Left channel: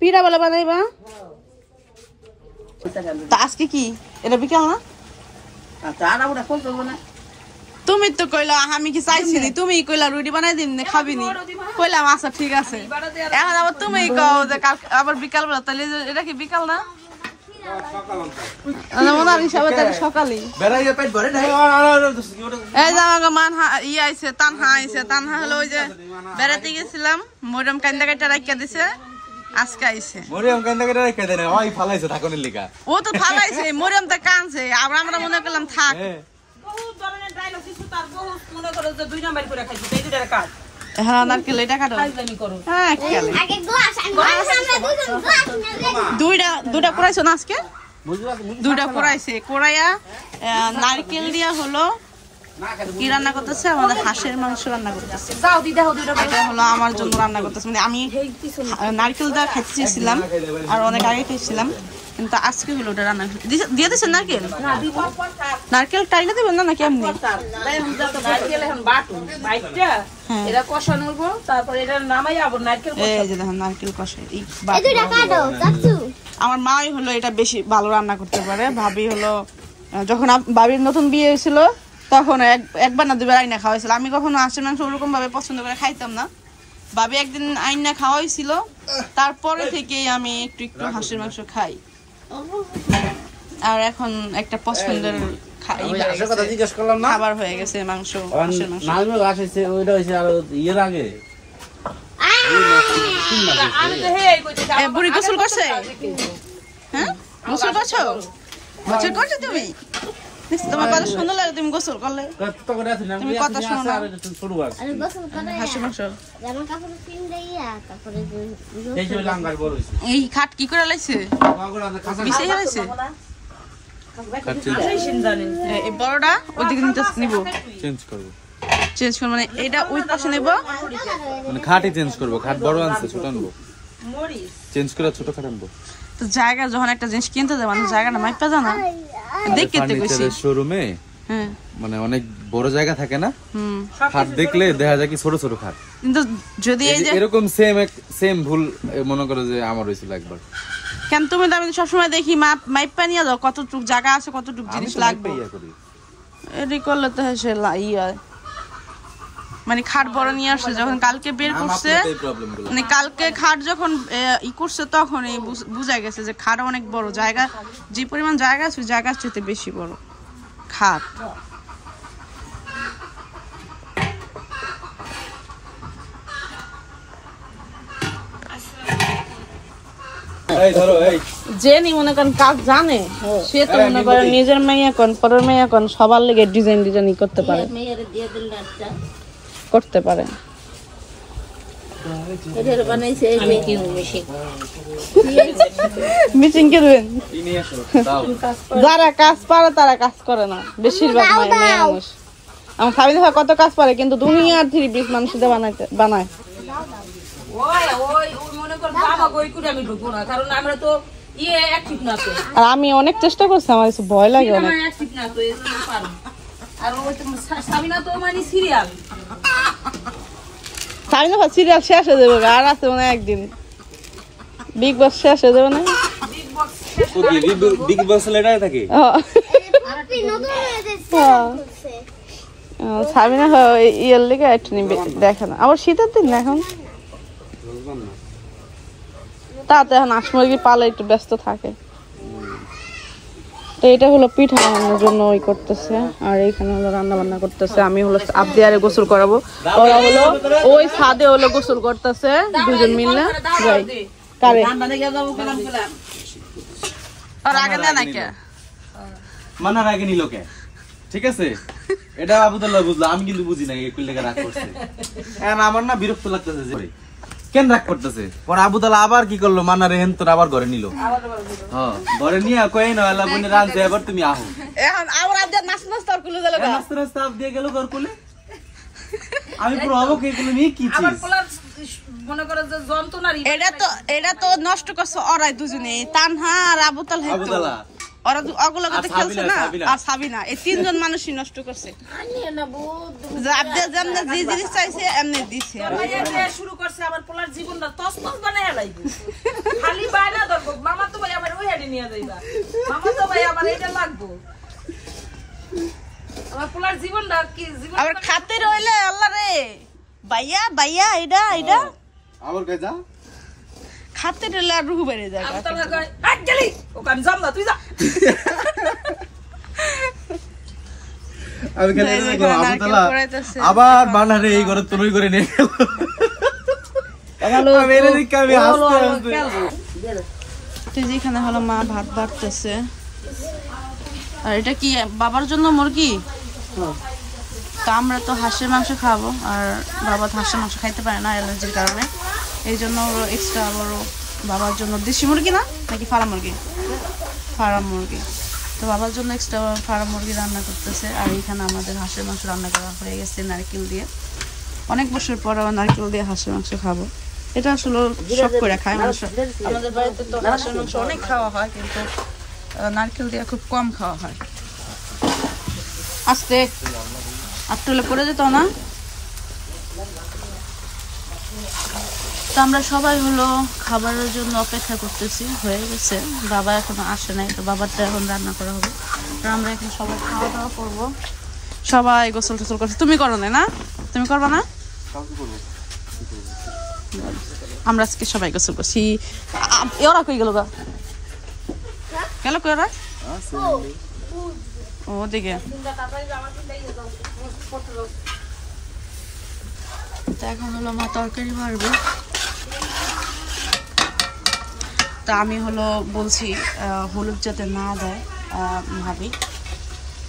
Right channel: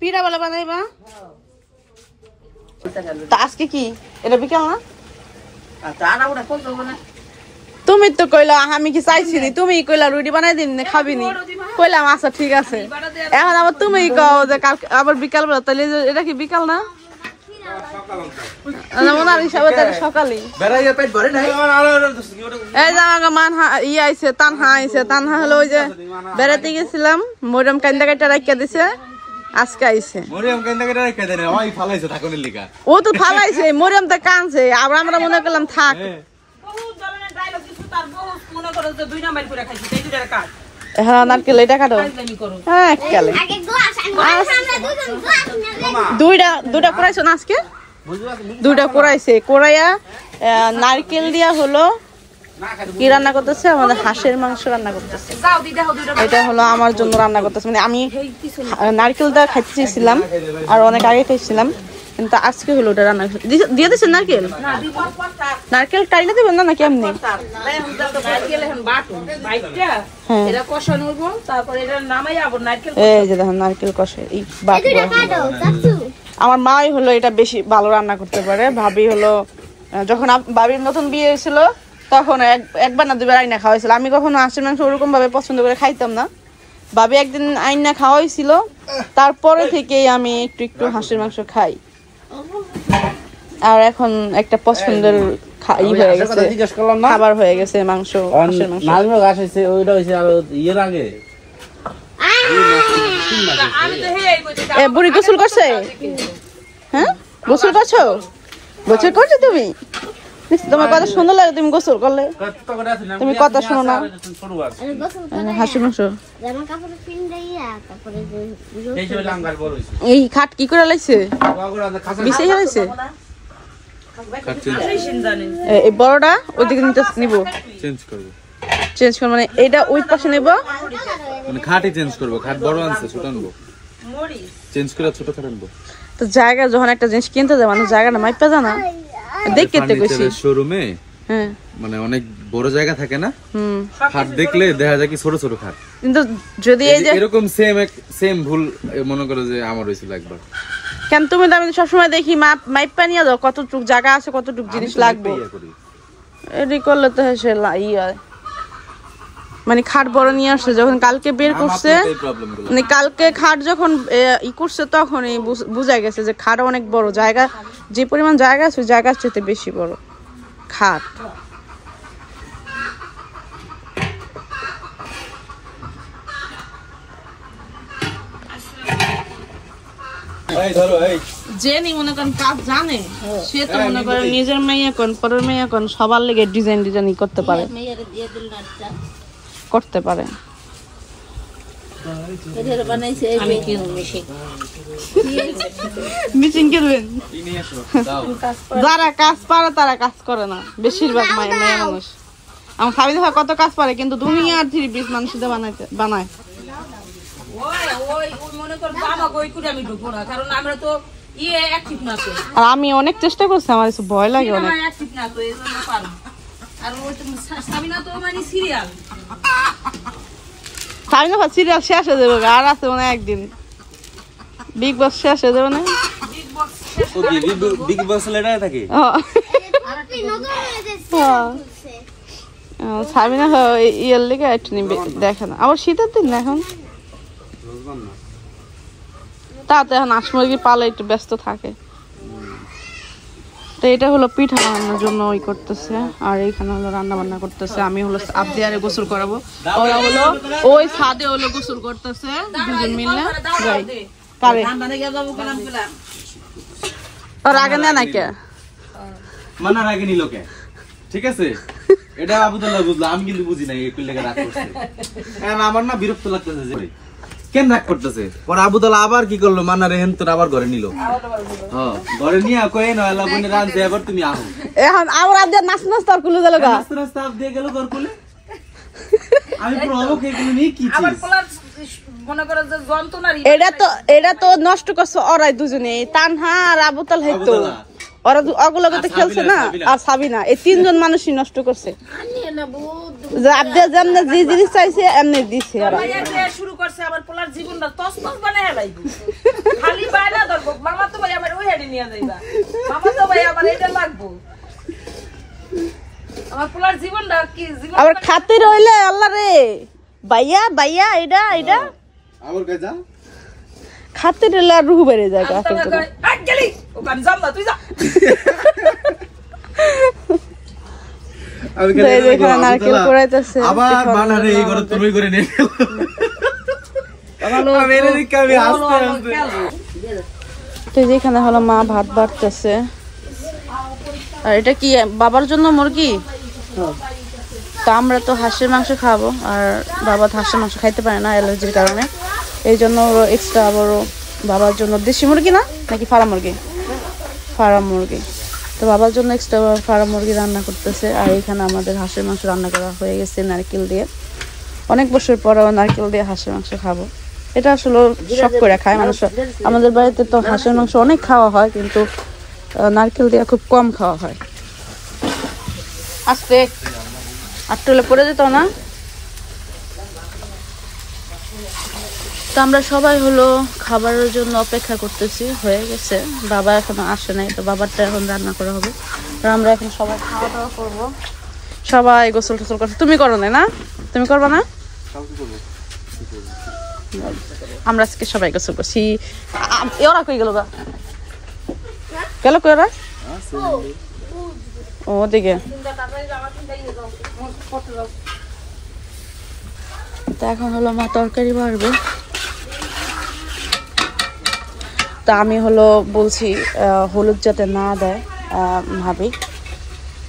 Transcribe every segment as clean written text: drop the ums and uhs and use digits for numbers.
পিঠা বলে বানাইবা তো আজকে কি এটা বিকাল না তুমি তো কইলা আমি কি চাইছি তুমি কইলা রুটি বানাই দিন খাবি নি কইলাম আচ্ছা ঠিক আছে এখন আবার তুমি কও যে আবার বিকাল বেলা তাহলে এটা কি বিকাল না মনার হিসাবে তাহলে সকালেই এই যে আমাকে তানহা আইছে তানহা হলো ওই যে বেড়াতে গেছিলাম মরিয়ম কান্দা কাটা রাখিয়া দিছে আজকে আইছে ও তো ফালাইছে মরিয়ম তো কানছে আবার আমরা মনে করলাম থাক হ্যাঁ নারকেল এটা কাটো হ্যাঁ দুইটা করাইছো না আজকে দুইটা করাইছে করাইয়া নারকেল দিয়া হলো কি রান্না করতেছে আমাদের হাঁসের মাংস রান্না করতেছে এটা হলো আমার জন্য রান্না করতেছে মানে আমি নারকেলটা খাইতে চেয়েছিলাম আর অনেক আগে খাইছিলাম কিন্তু আজকে হলো ওটা রান্না দিয়ে দিচ্ছেন নারকেল নারকেল টাইলে দেবেন না নাকি এমনি এই যে দেখেন নারকেল কষে আমার মাই হলো এটা বেশি ভালো রান্না করতে পারে ভাবি হলো যখন ভাবির নতুন বিয়ে হয়েছিল তখন একবার না দুবার আইনা খাওয়া হয়েছিল আমি কখনো হাঁসের মাংস ওরকম ভাবে পছন্দ করে খাইতাম না ভাবি একদিন আইনা খাওয়া হয়েছিল তারপরে থেকেই আমি একটু একটু হাঁসের মাংস খাই আর এখন একটা পছন্দের হয়ে গেছে খাবার হয়ে গেছে মাংস হাঁসের মাংস বুড়ি গোসল করছে হ্যাঁ গোসল করছো গোসল করছো তুমি তোমার কথা সুন্দর লাগে তুমি গোসল করলে তুমি কথা শোনো না হাঁসের মাংস এই খাট কি করে লাইছে মিশে হয়েছে এই বড়টা ওইদিকে নিব চেঞ্জ করবো মানে এইটা ওই পাশে নেব মানে খাটই চেঞ্জ করবো খাট বড় আনছে ছোট আনবো চেঞ্জ করে ছোট খাট আনবো তো জায়গা যখন একটা জিনিস কিনতে যায় মানুষ জায়গাটা মাইপা জানা দেখতে গেছি শোরুমে মানে অনেক বড় জায়গা থাকে না খাট দেখলে দেখা যায় কি ছোট ছোট খাট কিন্তু যদি এই যে এরকম সেম ভুল মনে করো যে আমার হয়েছিল একবার কেন তুমি তো আমি সবসময় দেখি মাইপা নিয়ে যাও কতটুক জায়গা আছে কতটুক জিনিস লাগবে এটি করলে তো সে মানে খাট বড় নিয়ে আসছে যখন কালকে বের করছে মানে কালকে খাট যখন ই করছে তখন বুঝা গেছে যে খাট অনেক বড় জায়গা যে পরিমাণ জায়গা আছে জায়গার চেয়ে বেশি বড় খাট যে মনে করেন কাজ জানে সে তো মনে করেন নিজের মেয়ে কোন পরের মেয়ে কোন সবার লেগে ডিজাইন করতে পারে যারা কাজ পারে তারা কাজ করে না বেশিরভাগ মেয়ে মানুষ আমার খাবি দেখা কত কাজ পারে কিন্তু দুনিয়ার 3 পিস মানুষ বানায় আমি অনেক চেষ্টা করছি আমার ভয় লাগে অনেক সিরিয়াল শেষ হয়ে যাবে আর আছে মানে একদিন বিগ বস শেষ হয়ে যাবে না বিগ বস লেটার থাকে সাবিনা ইয়ের লেগে একটু দেখে না আবার শীতের দিন না এখন তাতে এখন হাঁস মুরগি পালে একটু ব্যস্ত থাকে তো এটা হলো পিঠা বানানোর জন্য ওই করতেছে আর এইখানে হলো রান্না বান্না করতেছে আমি হলো আবদিয়ারে গোসল করাবো ওরা হলো ওই ছাদে হলো গোসল করতেছে দুজন মিলে যাই কারে আর আগে না নাকি মানা আগে নিল কে ঠিক আছে এটা আবুদুল্লাহ বুঝলো আমি কিন্তু বুঝি না এই লেগে রাগ করছে আমার না বিরক্ত লাগতেছে যে কেন রাগ করতেছে পরে আবুদুল্লাহ আবার কি করলো মানা রেহেন তোর আবার ঘরে নিল হ্যাঁ ঘরে নিয়ে কই না আল্লাহ বনে রান যায় এবার তুমি আহো এখন আবার আবদিয়া নাচ নাচ তোর কুলে গেল নাচ নাচ তাপ দিয়ে গেল ঘর কুলে আমি পুরো অবাক হয়ে গেলাম এই কি আবার পোলার মনে করে যে যন্ত্রণার এটা তো নষ্ট করছে ওরাই দুজনে তানহা আর আবুতাল হইতো ওরা অগুলোকে খেলছে না, আর সাবিনা, এই তিনজন মানুষই নষ্ট করছে। যে জিনিস চাইছে এমনি দিচ্ছে। শুরু করছে আবার পোলার জীবনটা তছনছ বানায় লাইবো। খালি বাইনা ধরবো, মামা তো ভাই আমার ওই হাড়ি নিয়ে যাইবা, মামা তো ভাই আমার এটা লাগবো। আমার পোলার জীবনটা কি জীবন আবার খাতে রইলে আল্লাহ রে ভাইয়া ভাইয়া এটা এটা আবার কই যা খাতে রইলে আর রুহু বেড়ে যায়। আট গেলি ওখান যাম না, তুই যা। আবার বানারে এই ঘরে তুমি করে নিয়ে যেখানে হলো মা ভাত বাড়তেছে। আর এটা কি বাবার জন্য মুরগি? তা আমরা তো হাঁসের মাংস খাবো, আর বাবা তো হাঁসের মাংস খাইতে পারে না অ্যালার্জির কারণে। এই জন্য এক্সট্রা আবারও বাবার জন্য দেশি মুরগি না নাকি ফার্ম মুরগি? ফার্ম মুরগি। তো বাবার জন্য এক্সট্রা ফার্ম মুরগি রান্না করতেছে। আর এখানে আমাদের হাঁসের মাংস রান্না করা হয়ে গেছে নারকেল দিয়ে। অনেক বছর পর নারকেল দিয়ে হাঁসের মাংস খাবো। এটা আসলে শখ করে খায় মানুষ। আমাদের বাড়িতে তো হাঁসের মাংস অনেক খাওয়া হয়, কিন্তু নারকেল দিয়ে খুব কম খাওয়া হয়। আস্তে আটটুলে পড়ে যেত না। তো আমরা সবাই হলো খাবারের জন্য অপেক্ষা করতেছি, হয়ে গেছে। বাবা এখনো আসে নাই, তো বাবারটা এখন রান্না করা হবে। আর আমরা এখন সবাই খাওয়া দাওয়া করবো। সবাই গোসল টোসল করছে। তুমি করো না? তুমি করবা না? আমরা আজকে সবাই গোসল করছি। ওরা কই গেল? গেল কই ওরা? ওদিকে। এখন হলো মা তরকারি বাড়বে। তা আমি হলো বলছি হলুদ যাতে না দেয় ভাবি,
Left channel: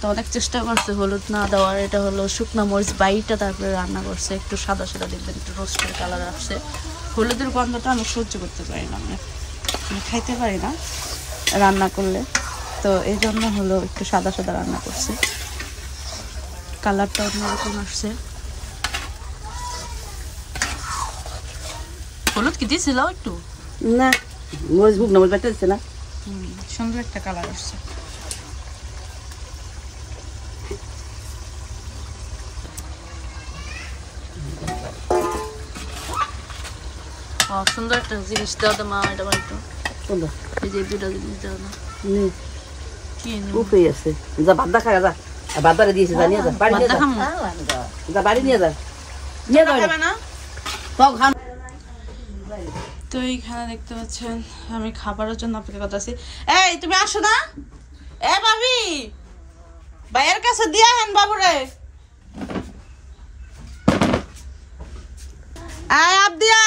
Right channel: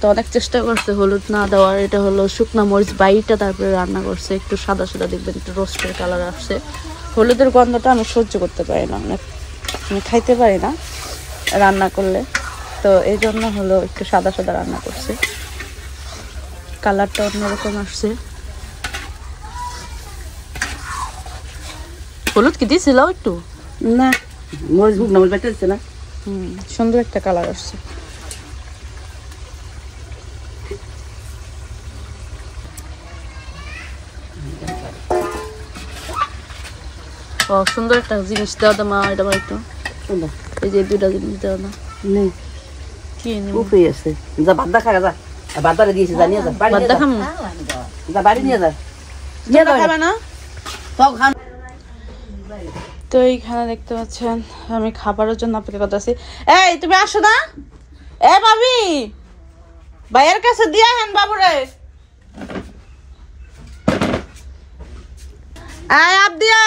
তো অনেক চেষ্টা করছে হলুদ না দেওয়ার। এটা হলো শুকনা মরিচ বাইটা তারপরে রান্না করছে, একটু সাদা সাদা দেখবেন, একটু রোস্টের কালার আসছে। হলুদের গন্ধটা আমি সহ্য করতে পারি না, আমি খাইতে পারি না রান্না করলে। তো এই জন্য হলো একটু সাদা সাদা রান্না করছে, কালারটা অন্যরকম আসছে। হলুদ কি দিয়েছিল একটু? না, মরিচ শুকনো মরিচ বাইটা দিছে না। সুন্দর একটা কালার আসছে। ও সুন্দর একটা জিনিস দাও তো মা, এটা আমার একটু সুন্দর। এই যে দুটা জিনিস দাও না। কি নিব? উফে আছে, যা বাদা খা যা। বাদারে দিয়েছে, জানিয়ে যা বাড়ি নিয়ে যা। যা বাড়ি নিয়ে যা। নিয়ে যা খাবে না তো খান। তো এইখানে দেখতে পাচ্ছেন আমি খাবারের জন্য অপেক্ষা করতেছি। এই তুমি আসো না? এ ভাবি, ভাইয়ের কাছে দিয়া হেন বাবুরে। আয় আবদিয়া,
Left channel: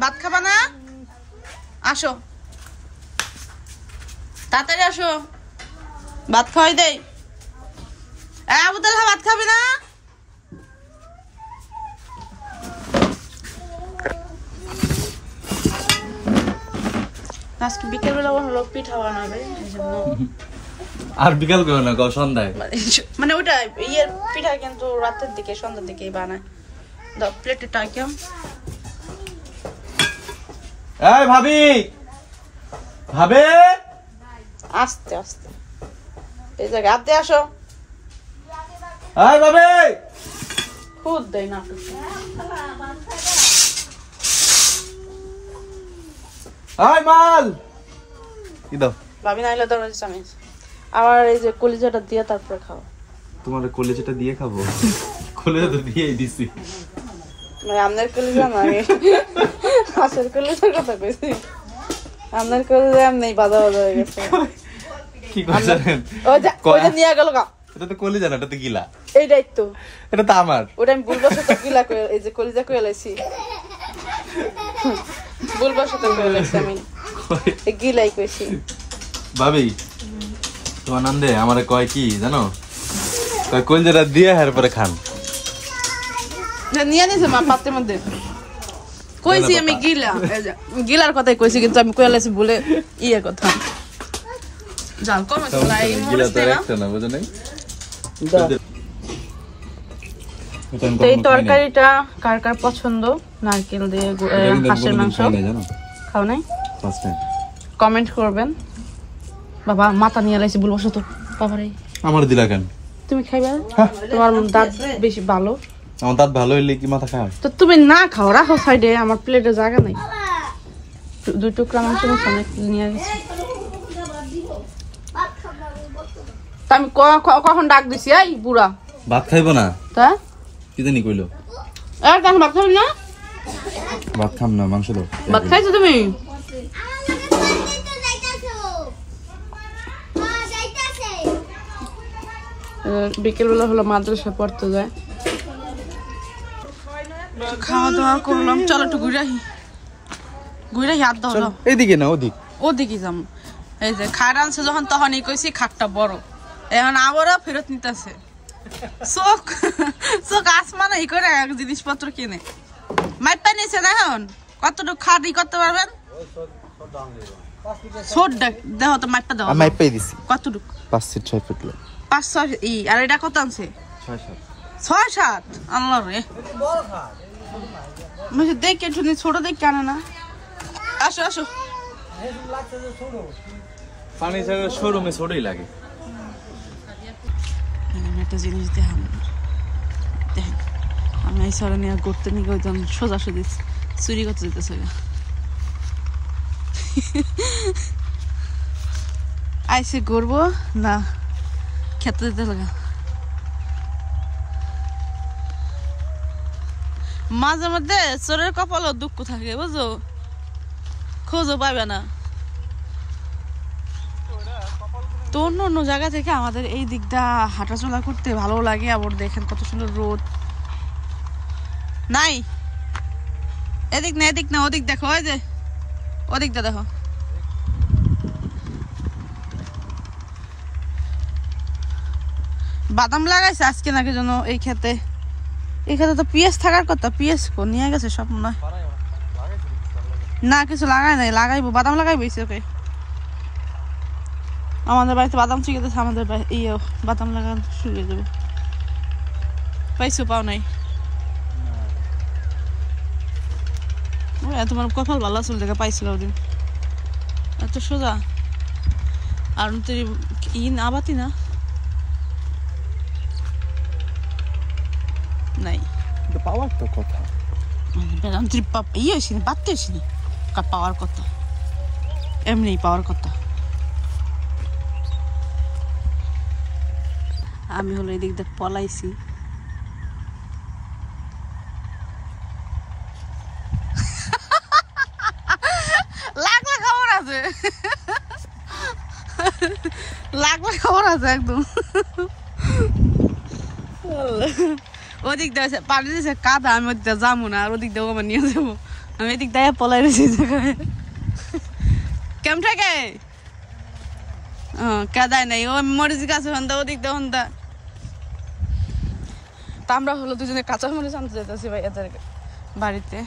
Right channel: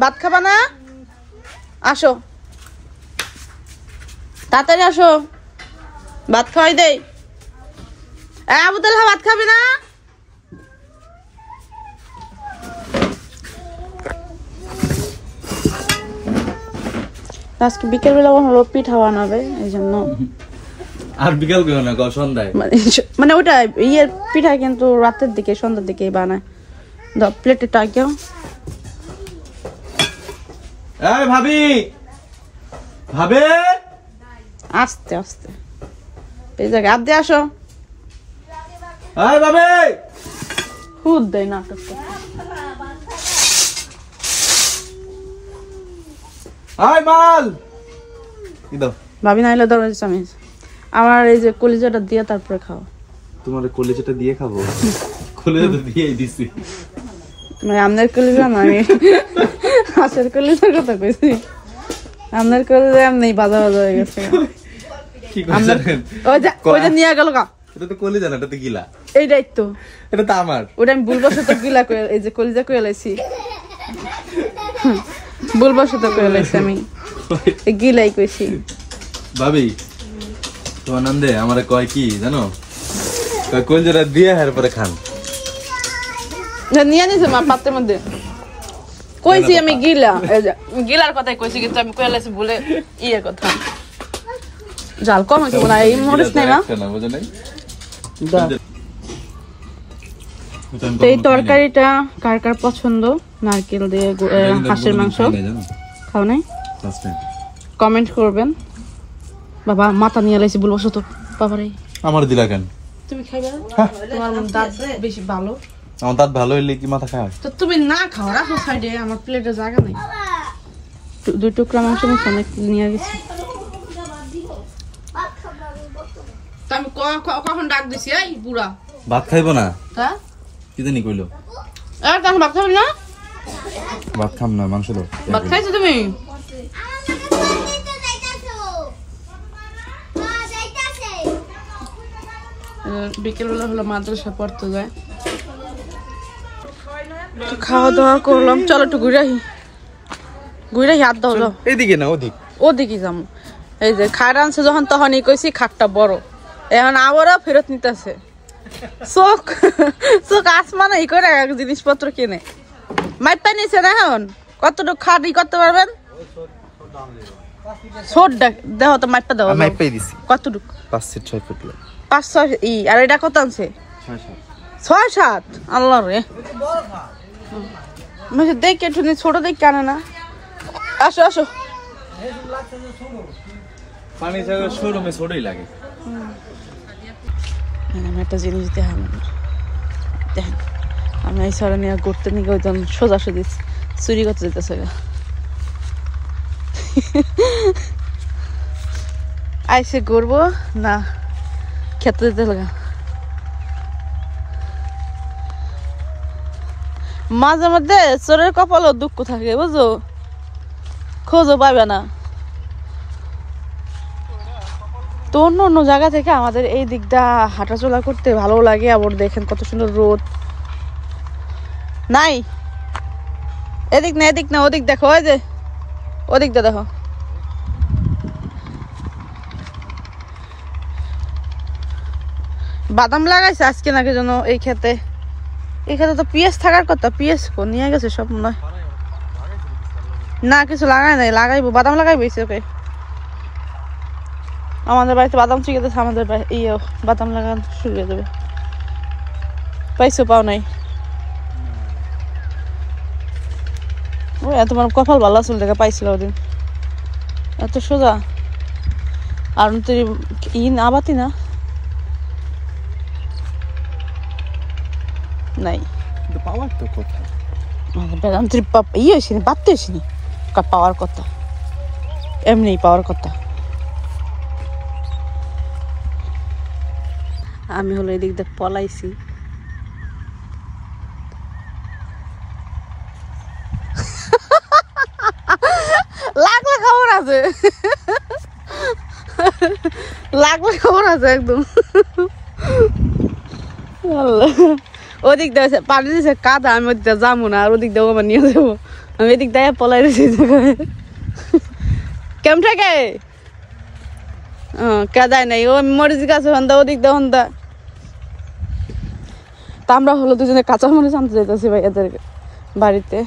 ভাত খাবা না? আসো তাড়াতাড়ি আসো, ভাত খাওয়াই দেই। আবুদুল্লাহ ভাত খাবি না? আজকে বিকেলবেলা হলো পিঠা বানাবে, এই জন্য। আর বিকাল কেউ না, সন্ধ্যায় মানে ওটা ইয়ের পিঠা, কিন্তু রাতের দিকে সন্ধ্যার দিকে বানায়। প্লেটে টাকেও ভাবি ভাবে আস্তে আস্তে এই জায়গায় আপ দিয়ে আসো। ভাবে খুদ দেয় নাটক। মাল কি দাও ভাবি নাইলে ধরো চামিচ। আমার এই যে কলিজাটা দিয়ে তারপরে খাও। তোমার কলিজাটা দিয়ে খাবো? কলিজা তো দিয়েই দিছি। মানে আপনার কলিজা না, হাঁসের কলিজার কথা কইছি। আপনার কলিজা এমনি ভালো ভালো হয়ে গেছে। কি করে জানেন? ওইটা নিয়ে গেল গা। এটা তো কলিজা না, এটা তো গিলা। এইটাই তো, এটা তো আমার। ওটা আমি ভুলবশত গিলা করে, এই যে কলিজা করে লাইছি, ভুলবশত করে লাইছি আমি, গিলাই কইছি। ভাবি তোমার নান্দে আমারে কয় কি জানো? কলিজাটা দিয়ে এরপরে খান। নিয়ে নিছে মা পাত্রের মধ্যে। কইছি আমি গিলা, গিলার কথাই কইছি, কিন্তু আমি কয়ে লাইছি বলে ইয়ের কথা। জাল কম আছে না, এই মরিচ নাই না, বুঝো নাই? এই তরকারিটা কার কার পছন্দ? নারকেল দিয়ে হাঁসের মাংস খাও নাই? কমেন্ট করবেন। বাবা মাথা নিয়ে লাইছি বলবো তো বাবারে আমার দিলা কেন? তুমি খাইবা? তোমার দাঁত বেশি ভালো। আমার দাঁত ভালো হইলে কি মাথা খায়? তো তুমি না খাও, রাখো সাইডে, আমার প্লেটে জায়গা নাই। 2 টুকরা মাংস নিয়ে গেছি। আমি কখন ডাক দিছি এই বুড়া? ভাত খাইবো না? তা কি জানি কইলো? তখন ভাত খাবি না? ভাত খাম না, মাংস দাও। ভাত খাইছো তুমি? বিকেলবেলা হলো মাদ্রাসা পড়তে যায়। খাওয়া দাওয়া করলাম, চলো একটু ঘুরে আসি। ঘুরে হাত দাও যাও। এইদিকে না ওদিক? ওদিকে যাম। এই যে খাট আনছে যখন তখনই কইছি খাটটা বড়, এখন আবারও ফেরত নিতেছে। চোখ চোখ আসমানে ই করে জিনিসপত্র কিনে মাইপ পাই নিছে না। এখন কতটুকু খাট ই করতে পারবেন? ছোট দেখো তো মাইপটা দাও। মাইপ পাই দিছি। কতটুকু? 5-6 ফুট। 5-6 ই। আর এটা কত আনছে? 6-7। আল্লাহ রে, মানে দেখে তুমি ছোট দেখে আনে না। আসো আসো। পানি জায়গা শোরুমে ছোটই লাগে। আমি একটা জিনিস দেখেন, আমি এই সরে নিয়ে ঘুরতে নিয়ে ওইজন সোজাসুজি চুরি করতে যেতেছে। আইসে ঘুরবো না খেতে যেতে লাগা। মাঝে মধ্যে চোরের কপালও দুঃখ থাকে, বুঝো, খোঁজও পাবে না। তো অন্য অন্য জায়গা থেকে আমাদের এই দিকটা হাঁটাচলা করতে ভালো লাগে। আবার দেখেন কত সুন্দর রোদ। নাই এদিক না, এদিক না, ওদিক দেখো, ওই যে ওদিকটা দেখো। বাদাম লাগাইছে আজকে নাকি যেন এই খেতে। এই খেতে তো পিঁয়াজ থাকার কথা, পিঁয়াজ নিয়ে গেছে সব মনে হয়। না কিছু লাগাই নাই, লাগাইবো, বাদাম লাগাইবো ওকে। আমাদের বাড়িতে বাদাম ঠিক আছে, আমাদের ইয়ে বাদাম লাগানো শুরু হয়ে যাবো। পাইছো? পাও নাই? ওই তোমার কপাল ভালো আসল দেখা পাইছিল ওদিন। এত সোজা। আর তুই আবাতি না নাই পাওয়ার তো কথা। ইয়ে হয়েছিনি, বাড়তে হয়েছিনি পাওয়ার কথা, এমনি পাওয়ার কথা। আমি হলো এদিক দেখ পলাইছি। লাখ লাখ খবর আছে, লাখ লাখ খবর আছে একদম। ওদিক দিয়ে পানি দিয়েছে কাদা, আমি ওদিক দিয়ে যাবো না, আর ওদিক দিয়ে আমার নিয়ে যাবো। আমি এদিক দিয়ে পলাই দিয়েছি। কেমন থাকে কাদায় নাই, ও মরিচ গাছ হন্দা, ওদিক দিয়ে হন্দা। তা আমরা হলো দুজনে কাঁচা মরিচ আনতে যেতেছি ভাই এদের বাড়িতে।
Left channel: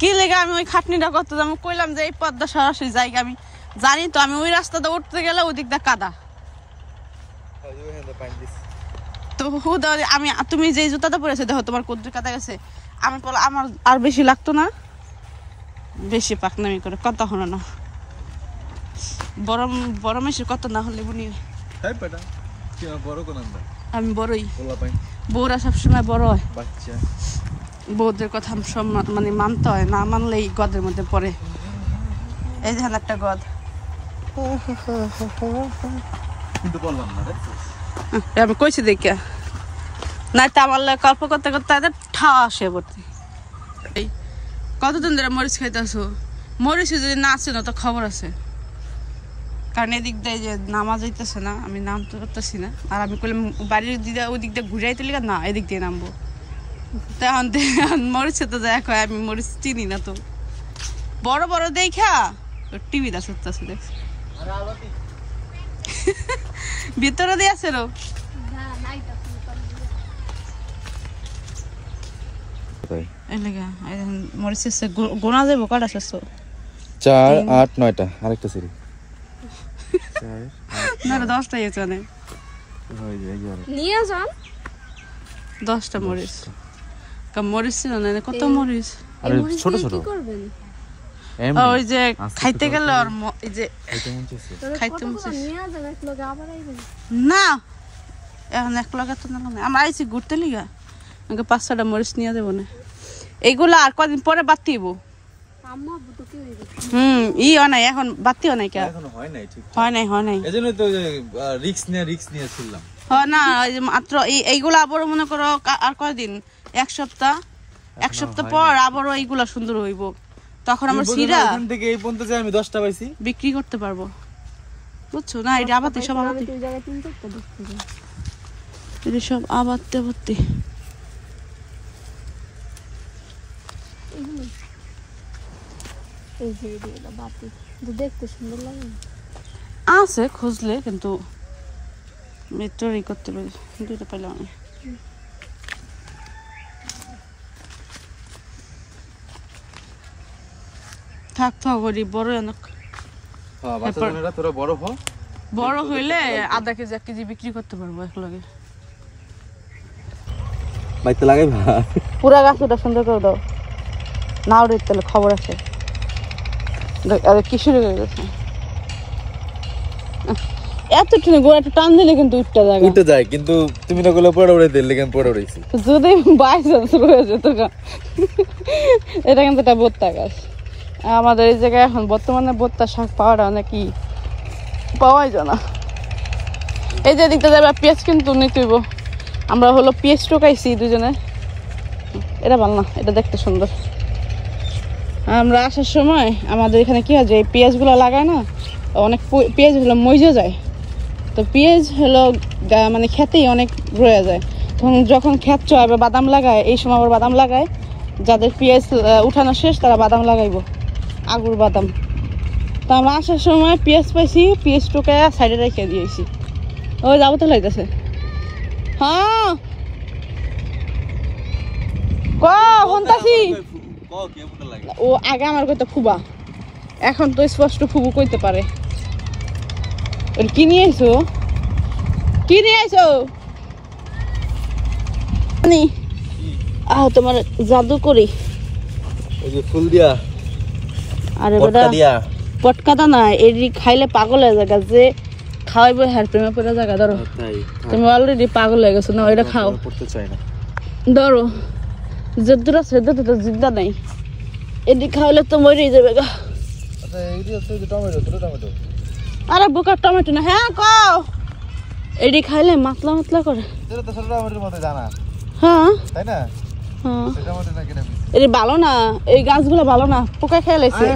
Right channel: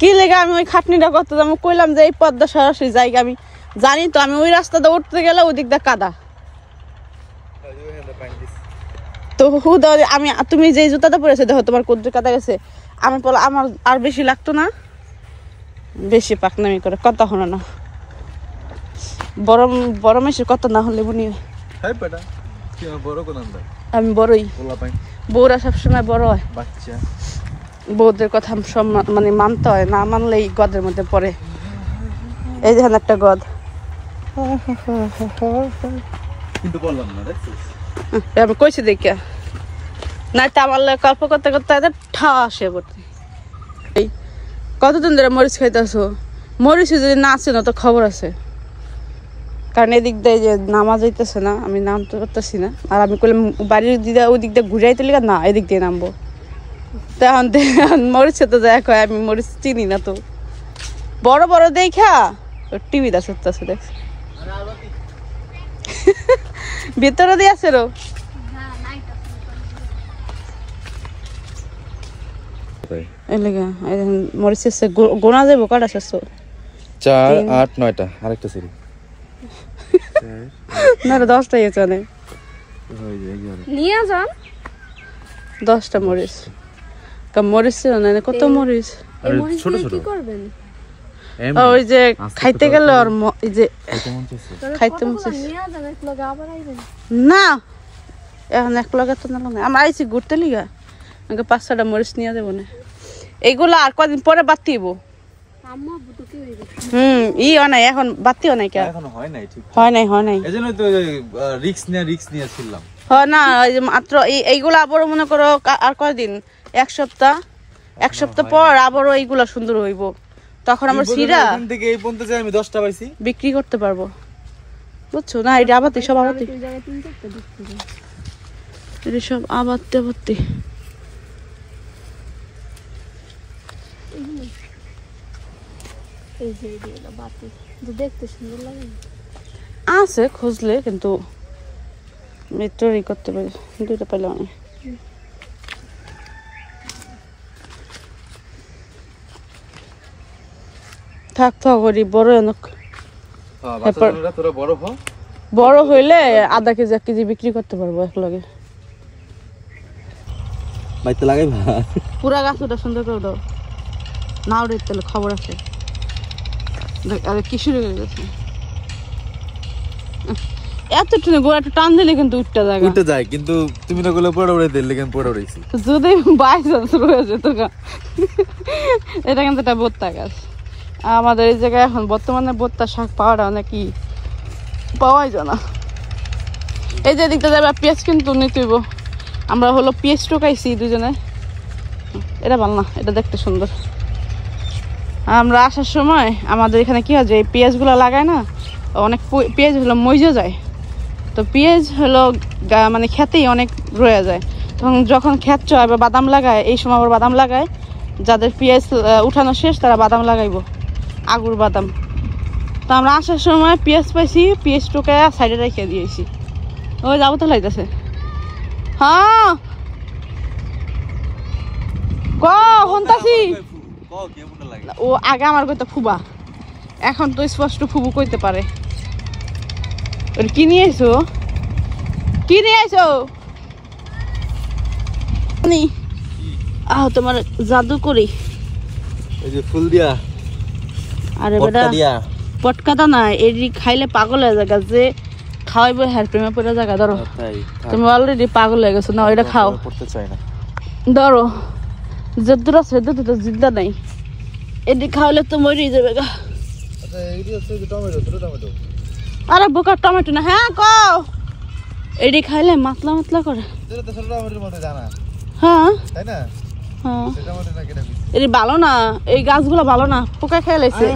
কি লেগে আমি ওই খাটনিটা করতে আমি কইলাম যে এই পদ্মা সরাসরি জায়গা আমি জানি তো, আমি ওই রাস্তাটা উঠতে গেলে ওদিক দিয়ে কাদা। তো হুদা আমি, তুমি যে জুতাটা পরেছে দেখো তোমার কদ্দুর কাদা গেছে। আমি বলো আমার আর বেশি লাগতো না, বেশি পাকনামি করে কথা হলো না। বড় মেশির কত না হলে বুনি। আমি বড়ই, বউরা সবসময় বড় হয়। বউদের কথা সব মানে মানতে হয়, না মানলেই গদের মধ্যে পড়ে। এই দেখেন একটা গদ, আমি কইছি দেখিয়া না তো আমার গল্প করতে করতে ঠা আসে পড়তে। এই কতদিন ধরে মরিচ খাইতেছো? মরিচ যদি না আছে না তো খবর আছে, কারণ এদিক দিয়ে যে নামা যাইতেছে না, আমি নামতে পারতেছি না। আর আমি কইলাম বাড়ির দিদা ওই দিক দিয়ে ঘুরাইতে লিখা না, এদিক দিয়ে নামবো। তখন মরিচে তো দেখ, আমি মরিচ চিনি না তো। বড় বড় দেখা টিভি দা সত্যি দেখছি ভিতরে দিয়ে আছে রো। মরিচ গোনা যাবো কটা শেষ? 4, 8, 9টা। আরেকটা সরি না 10টাই চলে। 10টা মরিচ। মরিচ ছিল না, কত মরিচ ছোট ছোট। ওই যে খাইতে গেলে আর এই যে খাইতে না এখন এক লগে তো না আমরা আইছি ঘুরতে লিগা আমাকে 5-6টা মরিচ নিয়ে যাবো না এইগুলা আর কদিন পরে বাতিব ই নাই এখন বাতিও নাই কেন হয় নাই এজন্য তো রিস্ক নিয়েছিলাম হয় না ওই যে মাত্র এইগুলা আবার মনে করো আর কয়দিন এক সপ্তাহ পর আবারও এইগুলা সুন্দর হইব তখন আমরা সিরা থেকে এই পর্যন্ত যে আমি 10টা পাইছি বিক্রি করতে পারবো বুঝছো না এটা আবাতি সব আবাতি এটা সব আবাতি আছে খুঁজলে কিন্তু করতে পারে দুইটা পাইলে অনেক থাক করি বড় অনেক বড় হইলে আধা কেজি 1 কেজি বিক্রি করতে পারবো এক লগে বাইতে লাগাই পুরা গাছ ওটা সুন্দর করে দাও না ওটা তাহলে খবর আছে কি শুরু হয়ে গেছে এতটুকু গোড়াটা টান দিলে কিন্তু উঠতে যায় কিন্তু তুমি না গুলো পড়ে উড়ে দিলে কেন পড়ে উড়াইছি যদি বাইচান্স রয়েছে তো এটা কিন্তু একটা ভুট্টা গাছ আমাদের এই জায়গায় এখন বর্তমানে ভুট্টা শাক পাওয়াটা অনেকই পাওয়াই যায় না এই যে দিকটা যাবে পেঁয়াজ কিন্তু নিতেইব আমরা হলো পেঁয়াজ টোকাইছি দুজনে এটা ভালো না এটা দেখতে সুন্দর আমরা আসার সময় আমাদের এখানে কি হয় যে এই পেঁয়াজগুলো লাগায় না অনেক পেঁয়াজ হলো মইজে যায় তো পেঁয়াজ হলো মানে খেতেই অনেক রয়ে যায় তখন যখন ক্ষেত চয় বা বাদাম লাগায় এই সময় আবার বাদাম লাগায় যাদের পেঁয়াজ উঠানো শেষ তারা বাদাম লাগাইব আগুর বাদাম তো আমরা আসার সময় পেঁয়াজ পাইছি পেঁয়াজ টোকায় সাইডে রেখে দিয়েছি ওই যাবো তো লাগতেছে হ্যাঁ কন্তাছি ও আগে আমার কইতে খুবা এখন তো স্পষ্ট খুবু কইতে পারে কি নিয়ে আইছো তোমার জাদু করি ফুল দিয়া আরে বেটা পটকাটা না এডি খাইলে পাগল হয়ে যাবে যে খাওয়াইবো হ্যার প্রেমে পড়ে জায়গা ধরো তুমি অলরেডি পাগল হয়ে গেছো না এটা খাও ধরো যদ্দুর আছে তো জিদ্দা নাই এডি খাওয়ালে তো মরেই যাবে গা আরে বোকা টমেটো না হ্যাঁ কও এডি খাইলে মাতলা করে হ্যাঁ এডি ভালো না এই গাছগুলো ভালো না পোকা খেয়ে লাইছে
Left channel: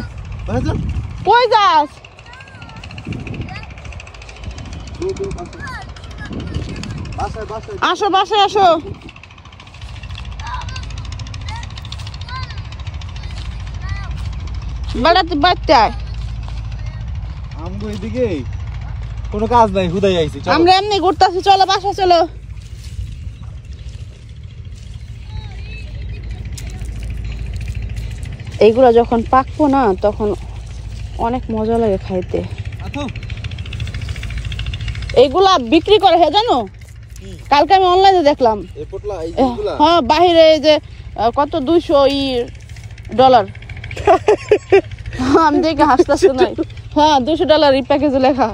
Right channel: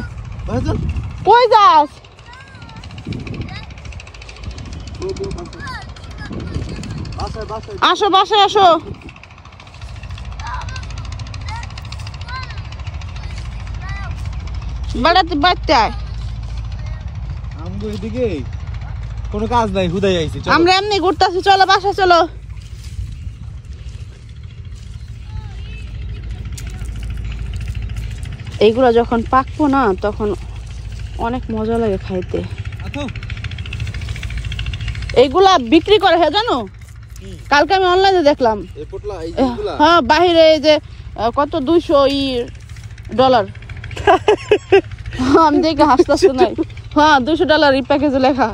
কই যাস আসো বাসায় আসো বাড়াতে আয় এদিকে কোনো কাজ নাই হুদাই আইছি আমরা এমনি ঘুরতেছি চলো বাসায় চলো এইগুলা যখন পাকবো না তখন অনেক মজা লাগে খাইতে এইগুলা বিক্রি করে হ্যাঁ জানো কালকে আমি অনলাইনে দেখলাম হ্যাঁ বাহিরে এই যে কত $200 আমি দেখে হাসতেছি নাই হ্যাঁ $200 এই প্যাকেজে লেখা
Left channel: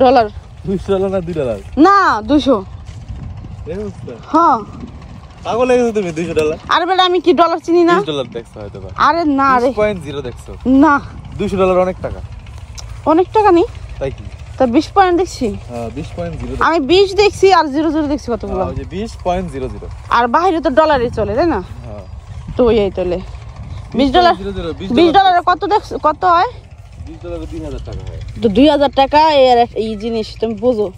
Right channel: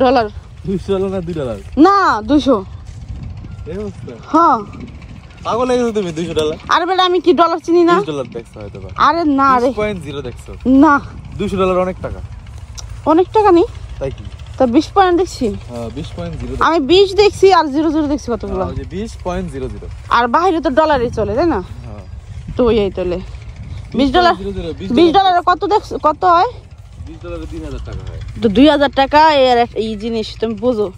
$200 না $2 না 200 হ্যাঁ পাগল হয়ে গেছো তুমি $200 আরে বেটা আমি কি ডলার চিনি না $20 দেখছো হয়তো আরে না রে 20.0 দেখছো না $200 অনেক টাকা নি তাই কি তা 20 পয়েন্ট দেখছি হ্যাঁ 20.0 আমি 20 দেখছি আর 00 দেখছি কতগুলো ওই যে 20.00 আর বাইরে তো ডলারই চলে তাই না হ্যাঁ তো এই চলে $20 কত হয় $20 2000 টাকা হয় তো 2000 টাকা এর এই জিনিস তুমি বুঝো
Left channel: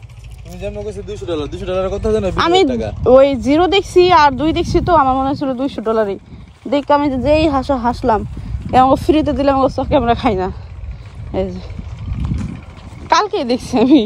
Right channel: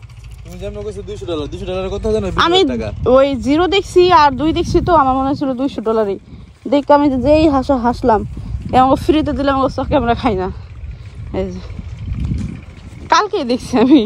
তুমি জানো কইছো $200 কত জানো আমি ওই 0 দেখছি আর 2 দেখছি তো আমার মনে ছিল $200 দেখ আমি যেই হাসলাম আমাকে ফ্রিতে দিলাম ওর চোখে আমরা খাই না এই কালকে দেখছি আমি